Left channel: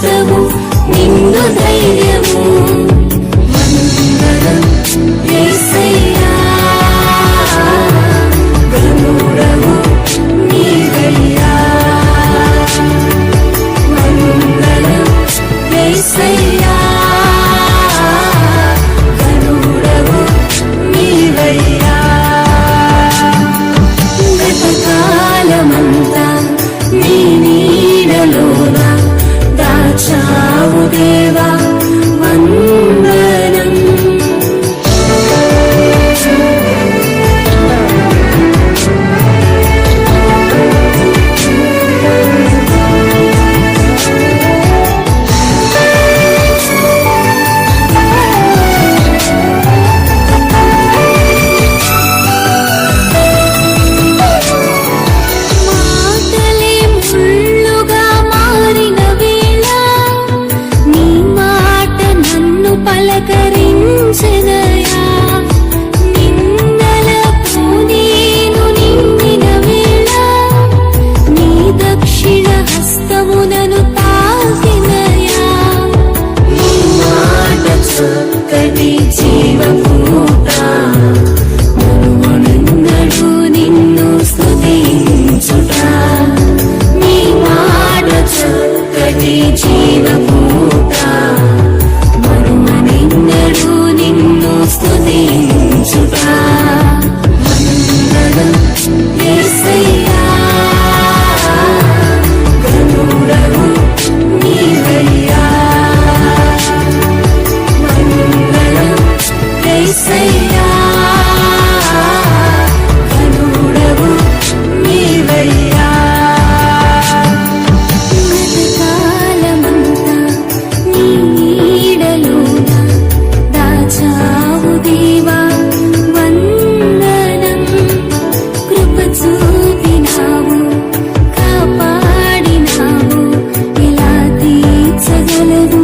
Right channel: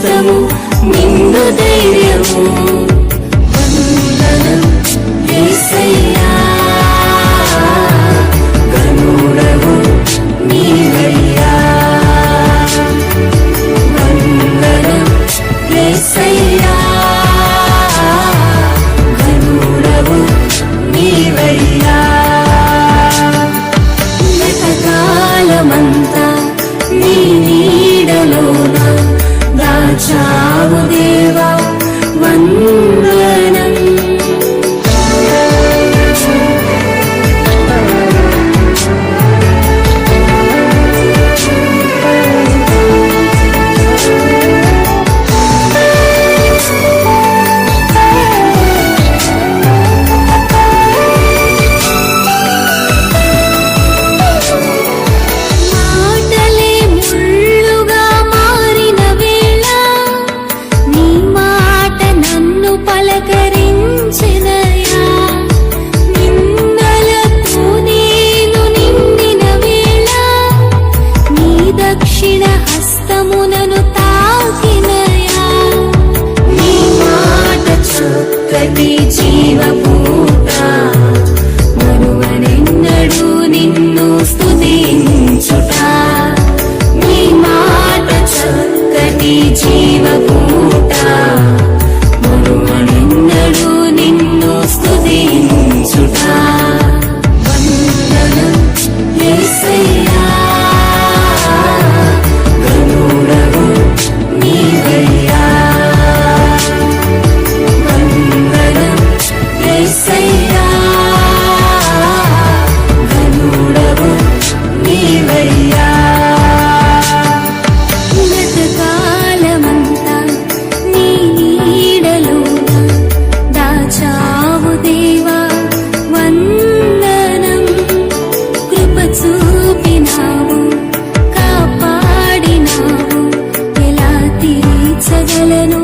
హస్తము నిన్ను ధైర్యము వందనం యేసయ్యా గనుడవు నీవయ్యా వందనం యేసయ్యా గనుడవు నీవయ్యా గతకాలమంతా నీ నీడలోన దాచావు దేవా వందనం మాటలే ముళ్ళుగా మారిన వేళ నీ మాట నన్ను పలకరించెదయా నిందలతో నేను నిండిన వేళ నీ దక్షిణ హస్తము నన్ను తాకినయా నీ మాట చక్కటి జీవపూట మరువనెన్నడూ నిన్ను స్తుతించుట నీ మాట చక్కటి జీవపూట మరువనెన్నడూ నిన్ను స్తుతించుట వందనం యేసయ్యా గనుడవు నీవయ్యా వందనం యేసయ్యా గనుడవు నీవయ్యా గతకాలమంతా నీ నీడలోన దాచావు దేవా వందనం కృప చూపినావు కాపాడినావు ఎలా తీర్చగలను